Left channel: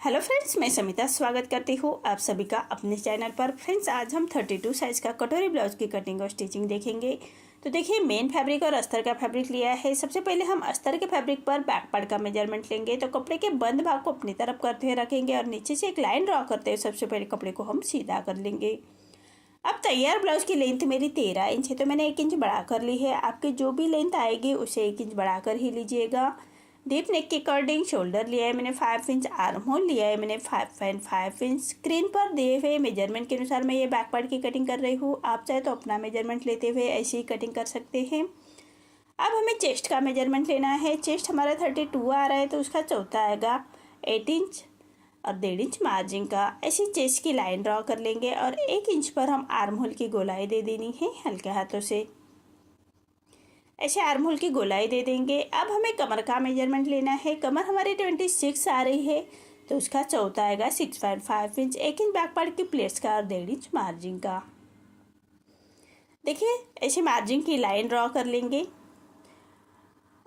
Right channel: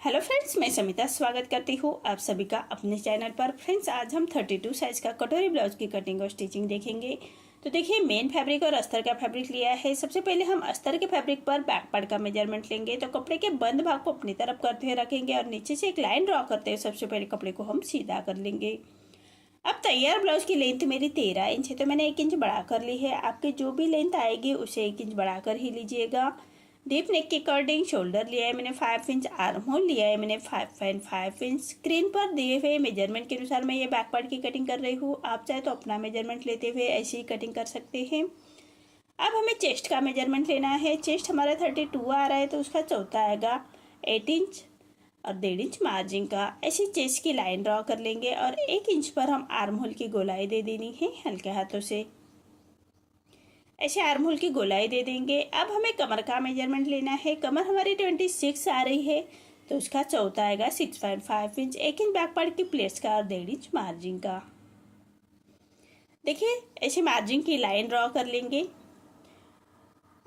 Hello friends, मैं समिता स्वागत करती हूँ आप सभी का अपने चैनल पर। फ्रेंड्स, आज हम 32 साइज का कटोरी ब्लाउज की कटिंग और स्टिचिंग देखेंगे। तो देखिए, मेन फैब्रिक और अस्तर का फैब्रिक लिया है। सबसे पहले हम अस्तर के फैब्रिक पर बैक पार्ट का मेजरमेंट लेंगे। तो कपड़े के बंद भाग को अपनी तरफ करते हुए रखेंगे और नीचे से एक लाइन ड्रॉ करते हुए सबसे पहले कपड़े को हम सीधा कर लेंगे। अब तैयार ब्लाउज की लेंथ मेरी 13 इंच है, तो मैंने 1 इंच बढ़ा कर ली है। आपकी जो भी लेंथ आएगी उसे 1 इंच बढ़ाकर ही लीजिएगा। डीप नेक के अकॉर्डिंग शोल्डर लिया है मैंने 5 इंच, आर्म होल लिया है मैंने 5.5 इंच। स्क्रीन पर दिए हुए मेजरमेंट के अनुसार मैं ये बैक पार्ट की कटिंग कर रही हूँ। आप चाहे तो अपना मेजरमेंट लेते हुए ऐसी ही कटिंग कर सकते हैं। अब हमें चेस्ट का मेजरमेंट लेना है। चेस्ट हमारा 32 आ रहा है, तो उसका चौथा आएगा 8 इंच और 1.5 इंच मार्जिन का। ऐसी चेस्ट की लाइन ड्रॉ कर लेंगे और 1 इंच पर हम आर्म होल की गोलाई दे देनी है हल्के हाथों से। ऐसे आर्म होल की गोलाई दे देंगे। अब हमें कमर का मेजरमेंट लेना है। कमर हमारी 26 आ रही है, तो उसका चौथा आएगा 6.5 इंच। 1 इंच बैक पार्ट की प्लेट्स का और 1.5 इंच मार्जिन का। देखिए, ऐसे मार्जिन की लाइन ड्रॉ कर लेंगे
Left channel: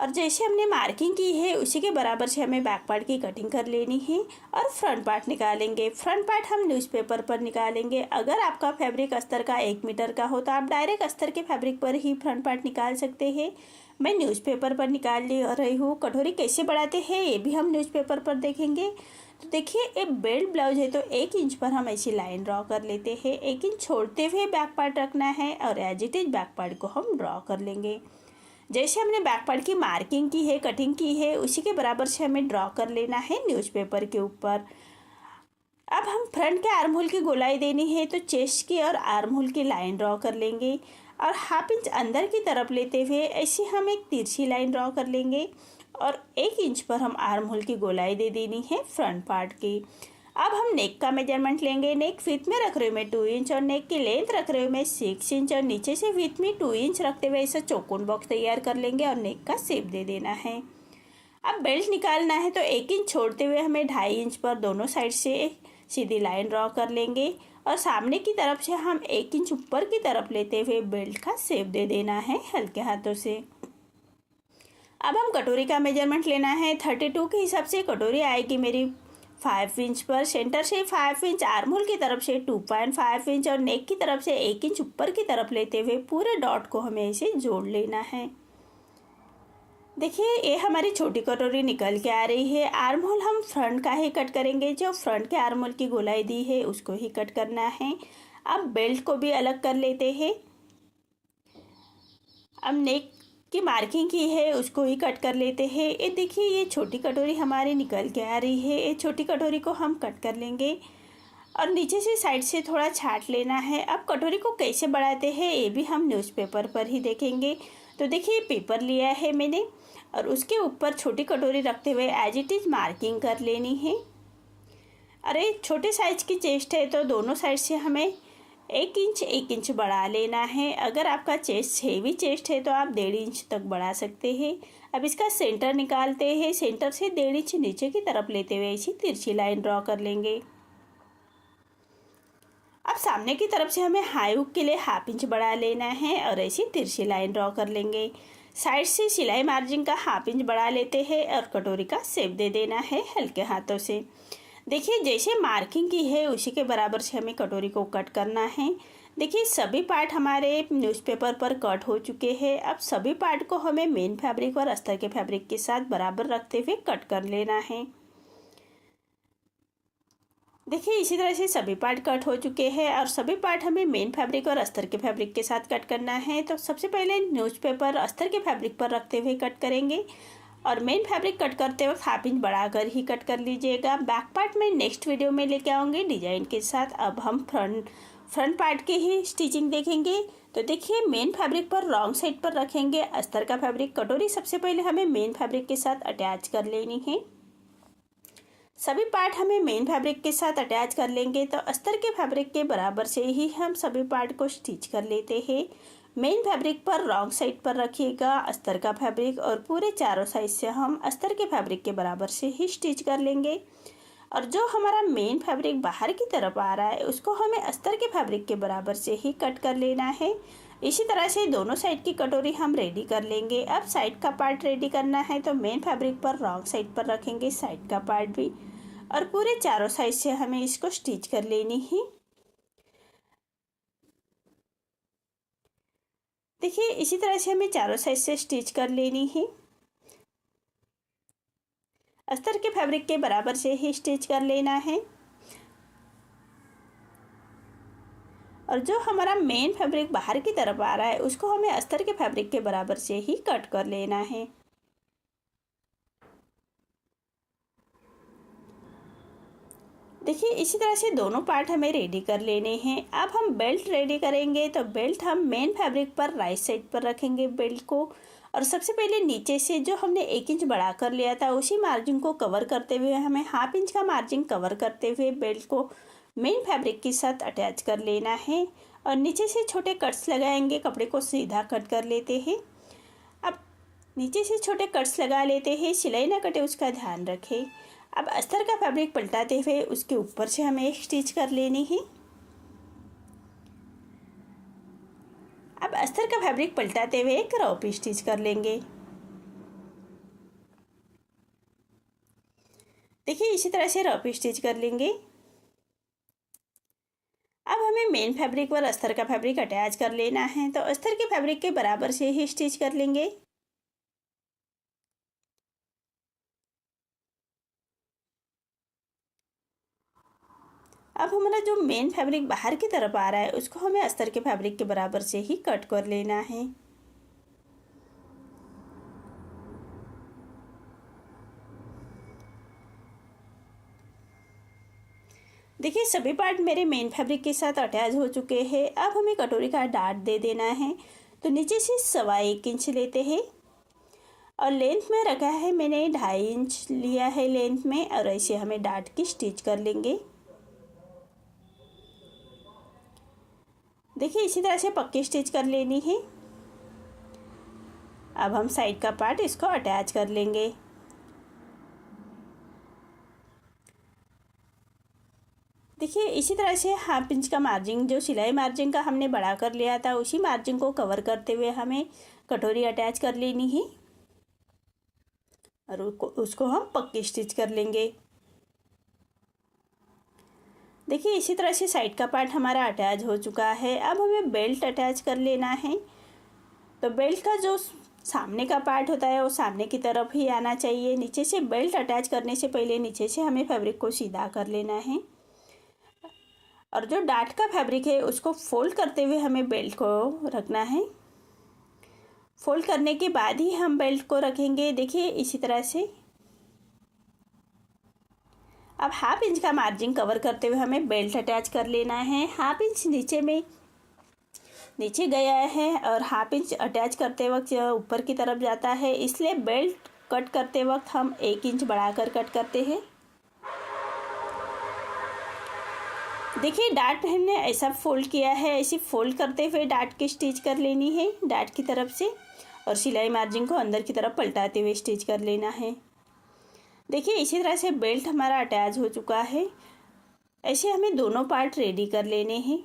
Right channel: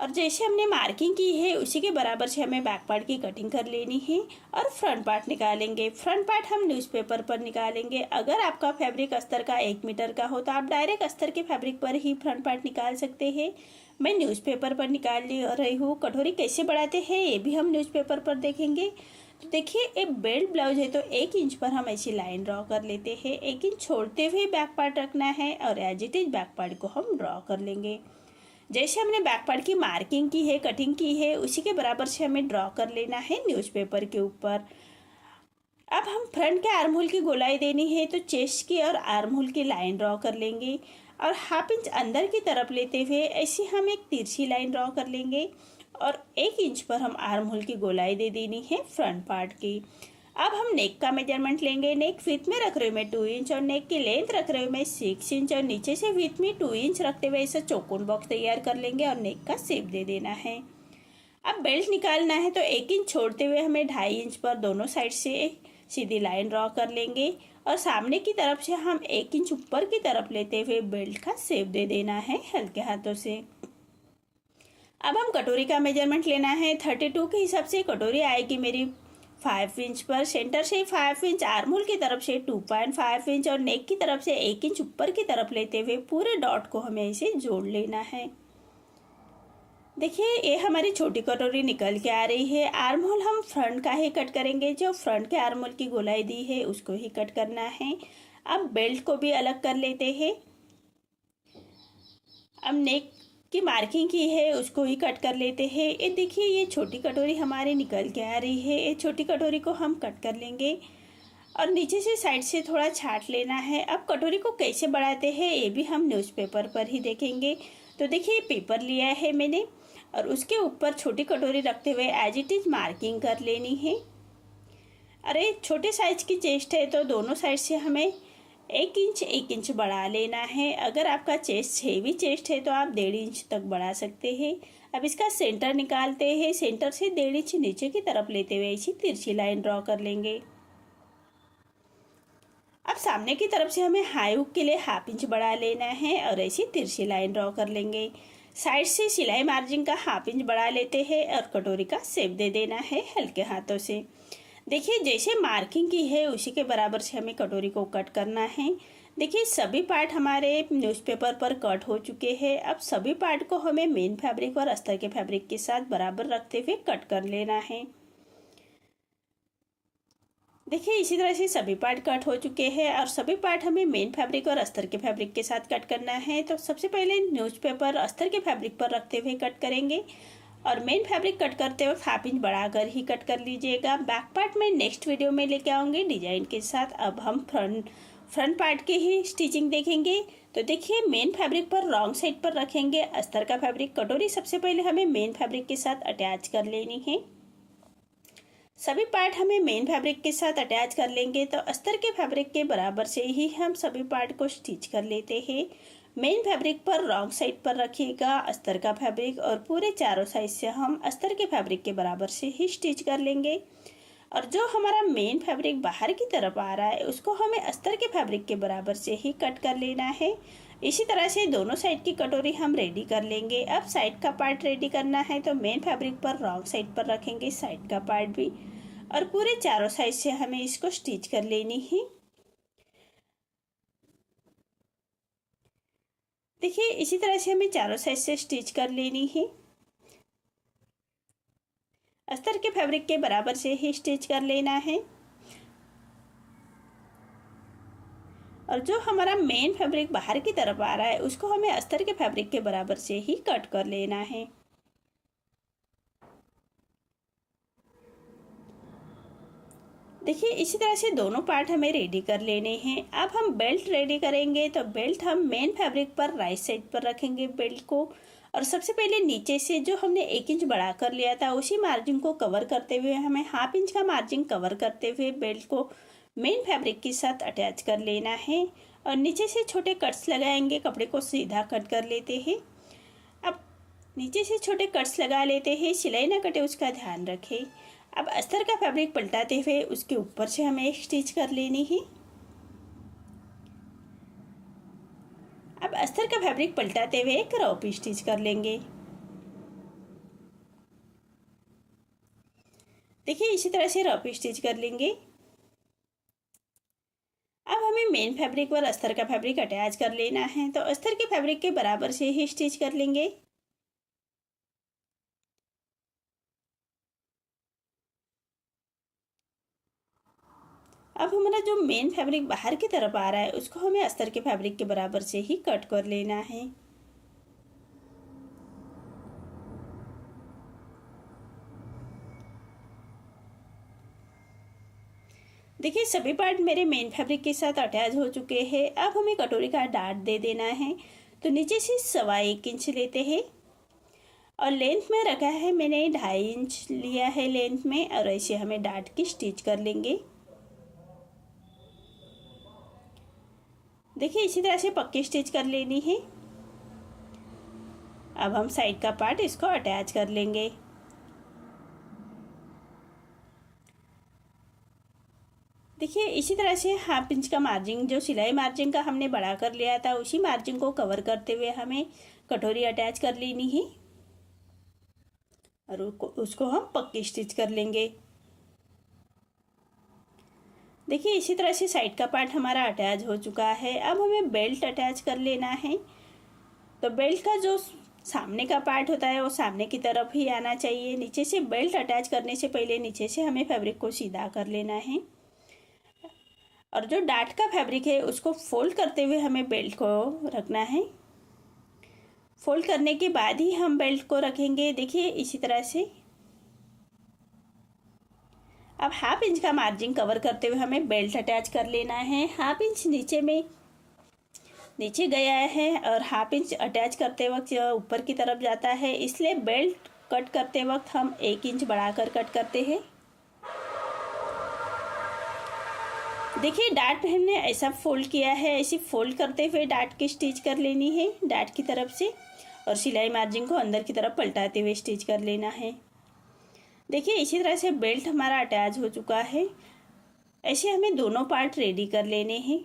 और जैसे हमने मार्किंग की है उसी के बराबर से हमें बैक पार्ट की कटिंग कर लेनी है और फ्रंट पार्ट निकालेंगे। फ्रंट पार्ट हम न्यूज़पेपर पर निकालेंगे। अगर आपका फैब्रिक अस्तर का 1 मीटर का हो तो आप डायरेक्ट अस्तर के फैब्रिक पर ही फ्रंट पार्ट निकाल सकते हैं। मैं न्यूज़पेपर पर निकाल रही हूँ। कटोरी कैसे बढ़ाते हैं ये भी हम न्यूज़पेपर पर देखेंगे। तो देखिए, एक बेल्ट ब्लाउज है तो 1 इंच पर हम ऐसी लाइन ड्रॉ कर लेते हैं। 1 इंच छोड़ते हुए बैक पार्ट रखना है और as it is back part को हम ड्रॉ कर लेंगे। जैसे हमने बैक पार्ट की मार्किंग की है, कटिंग की है, उसी के बराबर से हमें ड्रॉ कर लेना है न्यूज़पेपर के ऊपर। अब हम फ्रंट के आर्म होल की गोलाई देनी है, तो चेस्ट की और आर्म होल की लाइन ड्रॉ कर लेंगे और हाफ इंच अंदर की तरफ लेते हुए ऐसी हम एक तिरछी लाइन ड्रॉ कर लेंगे और 1 इंच पर हम आर्म होल की गोलाई दे देनी है फ्रंट पार्ट की। अब हम नेक का मेजरमेंट लेंगे। नेक विथ में रख रहे हूँ मैं 2 इंच और नेक की लेंथ रख रहे हूँ मैं 6 इंच और नीचे से विथ में 2 इंच रखते हुए ऐसा चौकोन बॉक्स तैयार कर लेंगे और नेक का शेप दे देना है। अब बेल्ट निकालना है, तो 1 इंच छोड़ते हुए हमें 2.5 इंच पर दोनों साइड से सीधी लाइन ड्रॉ कर लेंगे और सामने की तरफ से हम 1 इंच ऊपर की तरफ लेते हुए बेल्ट का शेप दे देना है हल्के हाथों से। अब हम कटोरी का मेजरमेंट लेना है। 32 के हिसाब से कटोरी आएगी मेरी 5 इंच पर। सेंटर से 5 इंच, आर्म होल की तरफ से 2.5 इंच और नेक की तरफ से 1 इंच ऊपर की तरफ लेते हुए पूरे डॉट को हमें इसे जोड़ लेना है। देखिए, ये हमारी छोटी कटोरी निकल के आ रही है। आर्म होल हम फ्रंट का ही कट करेंगे। जो फ्रंट के आर्म होल की गोलाई दी है उसको ही कट करना है। अब बेल्ट को भी अलग कर लेते हैं। अब नेक की मार्किंग की है उसको ही कट कर लेते हैं। ये देखिए, ये छोटी कटोरी हमारी निकल के आ रही है। ये छोटी कटोरी को हम कट कर लेंगे और नीचे से साइड से थोड़ा छाट लेना है। अब कटोरी को कैसे बढ़ाते हैं ये भी हम न्यूज़पेपर पर ही देखेंगे। तो देखिए, पेपर लिया है मैंने और उसके ऊपर छोटी कटोरी रखते हुए एज इट इज मार्किंग कर लेनी है। अरे, छोटे साइज की चेस्ट है तो दोनों साइड से हमें 1 इंच बढ़ा लेना है। अगर आपका चेस्ट हेवी चेस्ट है तो आप 1.5 इंच तक बढ़ा सकते हैं। अब इसका सेंटर निकालते हैं। सेंटर से 1.5 इंच नीचे की तरफ लेते हुए ऐसी तिरछी लाइन ड्रॉ कर लेंगे। अब सामने की तरफ से हमें हाई हुक के लिए हाफ इंच बढ़ा लेना है और ऐसी तिरछी लाइन ड्रॉ कर लेंगे। साइड से सिलाई मार्जिन का हाफ इंच बढ़ा लेते हैं और कटोरी का शेप दे देना है हल्के हाथों से। देखिए, जैसे मार्किंग की है उसी के बराबर से हमें कटोरी को कट करना है। देखिए, सभी पार्ट हमारे न्यूज़पेपर पर कट हो चुके हैं। अब सभी पार्ट को हमें मेन फैब्रिक और अस्तर के फैब्रिक के साथ बराबर रखते हुए कट कर लेना है। देखिए, इसी तरह से सभी पार्ट कट हो चुके हैं और सभी पार्ट हमें मेन फैब्रिक और अस्तर के फैब्रिक के साथ कट करना है। तो सबसे पहले न्यूज़पेपर अस्तर के फैब्रिक पर रखते हुए कट करेंगे और मेन फैब्रिक कट करते वक्त हाफ इंच बढ़ाकर ही कट कर लीजिएगा। बैक पार्ट में नेक्स्ट वीडियो में लेके आऊँगी डिजाइन के साथ। अब हम फ्रंट पार्ट के ही स्टिचिंग देखेंगे। तो देखिए, मेन फैब्रिक पर रॉन्ग साइड पर रखेंगे अस्तर का फैब्रिक। कटोरी सबसे पहले हमें मेन फैब्रिक के साथ अटैच कर लेनी है। सभी पार्ट हमें मेन फैब्रिक के साथ अटैच कर लेंगे तो अस्तर के फैब्रिक के बराबर से ही हम सभी पार्ट को स्टिच कर लेते हैं। मेन फैब्रिक पर रॉन्ग साइड पर रखिएगा अस्तर का फैब्रिक और पूरे चारों साइड से हम अस्तर के फैब्रिक के बराबर से ही स्टिच कर लेंगे। और जो हमारा मेन फैब्रिक बाहर की तरफ आ रहा है उसको हमें अस्तर के फैब्रिक के बराबर से ही कट कर लेना है। इसी तरह से दोनों साइड की कटोरी हम रेडी कर लेंगे। अब साइड का पार्ट रेडी करना है तो मेन फैब्रिक पर रॉन्ग साइड पर रखेंगे साइड का पार्ट भी और पूरे चारों साइड से हमें इसको स्टिच कर लेनी है। देखिए इसी तरह से हमें चारों साइड से स्टिच कर लेनी है। अस्तर के फैब्रिक के बराबर से ही स्टिच कर लेना है। और जो हमारा मेन फैब्रिक बाहर की तरफ आ रहा है उसको हमें अस्तर के फैब्रिक के बराबर से ही कट कर लेना है। देखिए इसी तरह से दोनों पार्ट हमें रेडी कर लेने हैं। अब हम बेल्ट रेडी करेंगे, तो बेल्ट हम मेन फैब्रिक पर राइट साइड पर रखेंगे बेल्ट को। और सबसे पहले नीचे से जो हमने 1 इंच बढ़ा कर लिया था उसी मार्जिन को कवर करते हुए हमें 1/2 इंच का मार्जिन कवर करते हुए बेल्ट को मेन फैब्रिक के साथ अटैच कर लेना है। और नीचे से छोटे कट्स लगाएंगे, कपड़े को सीधा कट कर लेते हैं। अब नीचे से छोटे कट्स लगा लेते हैं, सिलाई ना कटे उसका ध्यान रखें। अब अस्तर का फैब्रिक पलटाते हुए उसके ऊपर से हमें एक स्टिच कर लेनी है। अब अस्तर का फैब्रिक पलटाते हुए एक क्रॉप स्टिच कर लेंगे। देखिए इसी तरह से रॉप स्टिच कर लेंगे। अब हमें मेन फैब्रिक पर अस्तर का फैब्रिक अटैच कर लेना है, तो अस्तर के फैब्रिक के बराबर से ही स्टिच कर लेंगे। अब हमारा जो मेन फैब्रिक बाहर की तरफ आ रहा है उसको हमें अस्तर के फैब्रिक के बराबर से ही कट कर लेना है। देखिए सभी पार्ट मेरे मेन फैब्रिक के साथ अटैच हो चुके हैं। अब हमें कटोरी का डार्ट दे देना है, तो नीचे से 1.25 इंच लेते हैं और लेंथ में रखा है मैंने 2.5 इंच लिया है लेंथ में। और ऐसे हमें डार्ट की स्टिच कर लेंगे। देखिए इसी तरह से पक्की स्टिच कर लेनी है। अब हम साइड का पार्ट इसको अटैच कर लेंगे। देखिए इसी तरह से 1/2 इंच का मार्जिन जो सिलाई मार्जिन का हमने बढ़ा कर लिया था उसी मार्जिन को कवर करते हुए हमें कटोरी अटैच कर लेनी है। और उसको हम पक्की स्टिच कर लेंगे। देखिए इसी तरह से साइड का पार्ट हमारा अटैच हो चुका है। अब हमें बेल्ट अटैच कर लेना है। तो बेल्ट का जो सामने का पार्ट होता है वो सामने की तरफ ही आना चाहिए। नीचे से बेल्ट अटैच करने से पहले नीचे से हमें फैब्रिक को सीधा कर लेना है। और जो डार्ट का फैब्रिक है उसको फोल्ड करते हुए हमें बेल्ट को रखना है। फोल्ड करने के बाद ही हम बेल्ट को रखेंगे। देखिए इसी तरह से। अब 1/2 इंच का मार्जिन कवर करते हुए हमें बेल्ट अटैच कर लेना है। 1/2 इंच नीचे गया है और 1/2 इंच अटैच करते वक्त ऊपर की तरफ जाता है, इसलिए बेल्ट कट करते वक्त हम 1 इंच बढ़ाकर कट करते हैं। देखिए डार्ट हमने ऐसा फोल्ड किया है, ऐसे फोल्ड करते हुए डार्ट की स्टिच कर लेनी है डार्ट की तरफ से। और सिलाई मार्जिन को अंदर की तरफ पलटाते हुए स्टिच कर लेना है। देखिए इसी तरह से बेल्ट हमारा अटैच हो चुका है। ऐसे हमें दोनों पार्ट रेडी कर लेने हैं।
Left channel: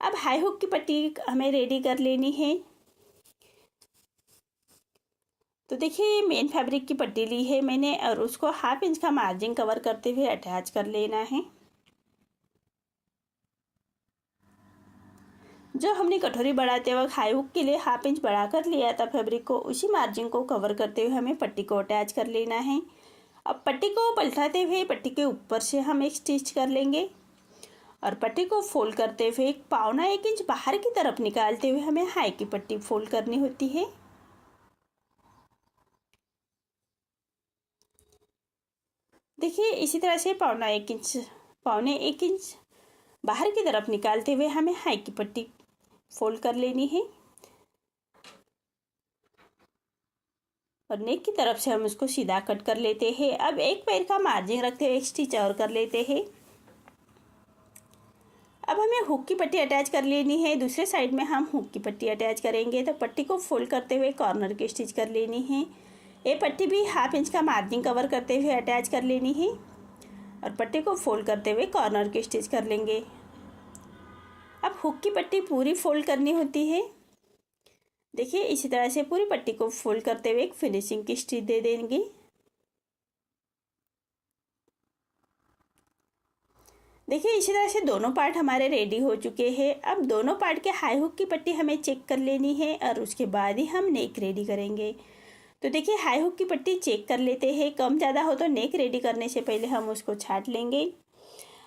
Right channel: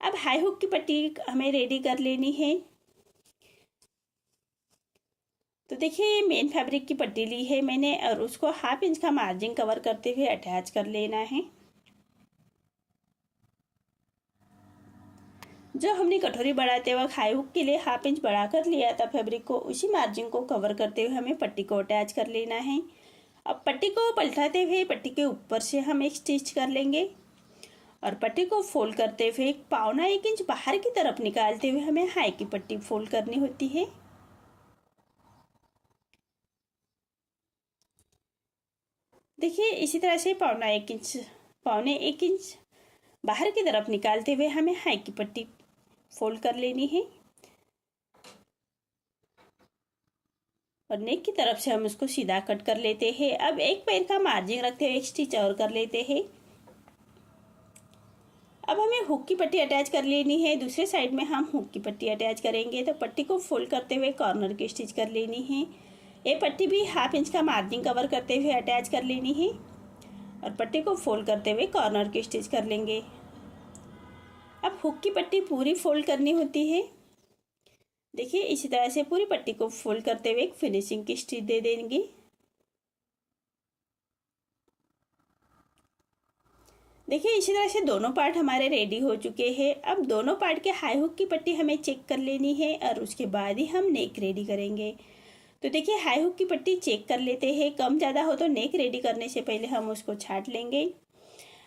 अब हाई हुक की पट्टी हमें रेडी कर लेनी है। तो देखिए ये मेन फैब्रिक की पट्टी ली है मैंने और उसको 1/2 इंच का मार्जिन कवर करते हुए अटैच कर लेना है। जो हमने कटोरी बढ़ाते वक्त हाई हुक के लिए 1/2 इंच बढ़ा कर लिया था फैब्रिक को, उसी मार्जिन को कवर करते हुए हमें पट्टी को अटैच कर लेना है। अब पट्टी को पलटाते हुए पट्टी के ऊपर से हम एक स्टिच कर लेंगे। और पट्टी को फोल्ड करते हुए 1.25 इंच बाहर की तरफ निकालते हुए हमें हाई की पट्टी फोल्ड करनी होती है। देखिए इसी तरह से 1.25 इंच बाहर की तरफ निकालते हुए हमें हाई की पट्टी फोल्ड कर लेनी है। और नेक की तरफ से हम उसको सीधा कट कर लेते हैं। अब एक पैर का मार्जिन रखते हुए एक स्टिच और कर लेते हैं। अब हमें हुक की पट्टी अटैच कर लेनी है। दूसरे साइड में हम हुक की पट्टी अटैच करेंगे, तो पट्टी को फोल्ड करते हुए कॉर्नर की स्टिच कर लेनी है। ये पट्टी भी 1/2 इंच का मार्जिन कवर करते हुए अटैच कर लेनी है। और पट्टी को फोल्ड करते हुए कॉर्नर की स्टिच कर लेंगे। अब हुक की पट्टी पूरी फोल्ड करनी होती है। देखिए इसी तरह से पूरी पट्टी को फोल्ड करते हुए एक फिनिशिंग की स्टिच दे देंगे। देखिए इसी तरह से दोनों पार्ट हमारे रेडी हो चुके हैं। अब दोनों पार्ट के हाई हुक की पट्टी हमें चेक कर लेनी है और उसके बाद ही हम नेक रेडी करेंगे। तो देखिए हाई हुक की पट्टी चेक कर लेते हैं, कम ज़्यादा हो तो नेक रेडी करने से पहले हम उसको छाट लेंगे।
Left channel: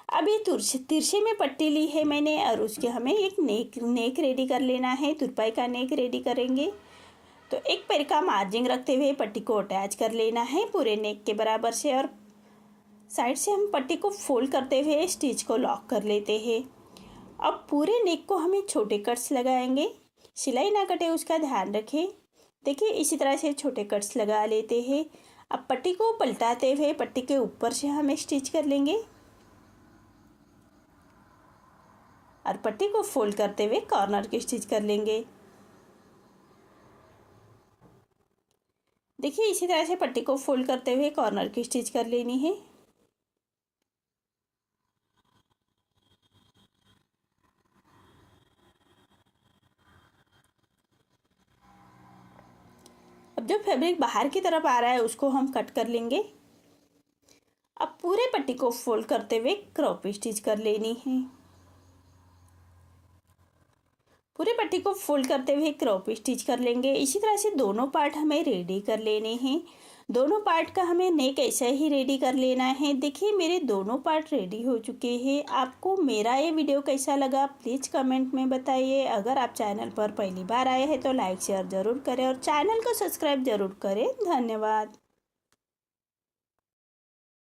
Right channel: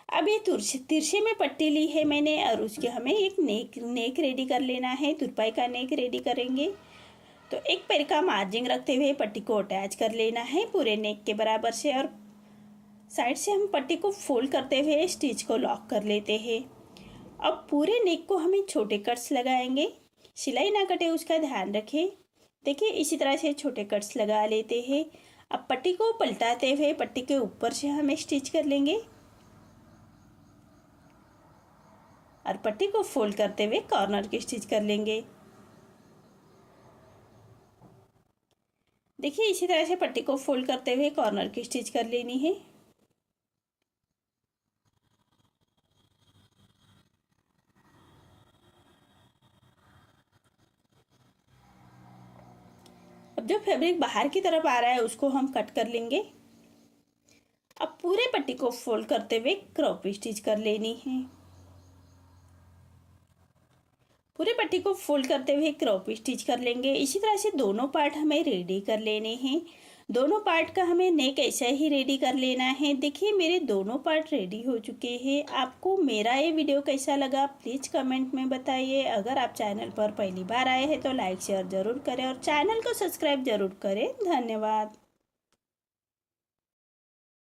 अब ये तिरछे में पट्टी ली है मैंने और उसके हमें एक नेक रेडी कर लेना है, तुरपाई का नेक रेडी करेंगे। तो एक पैर का मार्जिन रखते हुए पट्टी को अटैच कर लेना है पूरे नेक के बराबर से, और साइड से हम पट्टी को फोल्ड करते हुए स्टिच को लॉक कर लेते हैं। अब पूरे नेक को हमें छोटे कट्स लगाएंगे, सिलाई ना कटे उसका ध्यान रखें। देखिए इसी तरह से छोटे कट्स लगा लेते हैं। अब पट्टी को पलटाते हुए पट्टी के ऊपर से हमें स्टिच कर लेंगे और पट्टी को फोल्ड करते हुए कॉर्नर की स्टिच कर लेंगे। देखिए इसी तरह से पट्टी को फोल्ड करते हुए कॉर्नर की स्टिच कर लेनी है। अब जो फैब्रिक बाहर की तरफ आ रहा है उसको हम कट कर लेंगे। अब पूरे पट्टी को फोल्ड करते हुए क्रॉप स्टिच कर लेनी है। पूरी पट्टी को फोल्ड करते हुए क्रॉप स्टिच कर लेंगे। इसी तरह से दोनों पार्ट हमें रेडी कर लेने हैं। दोनों पार्ट का हमें नेक ऐसा ही रेडी कर लेना है। देखिए मेरे दोनों पार्ट रेडी हो चुके हैं। आपको मेरा ये वीडियो कैसा लगा प्लीज़ कमेंट में बताइए। अगर आप चैनल पर पहली बार आए हैं तो लाइक शेयर ज़रूर करें और चैनल को सब्सक्राइब ज़रूर करें। धन्यवाद।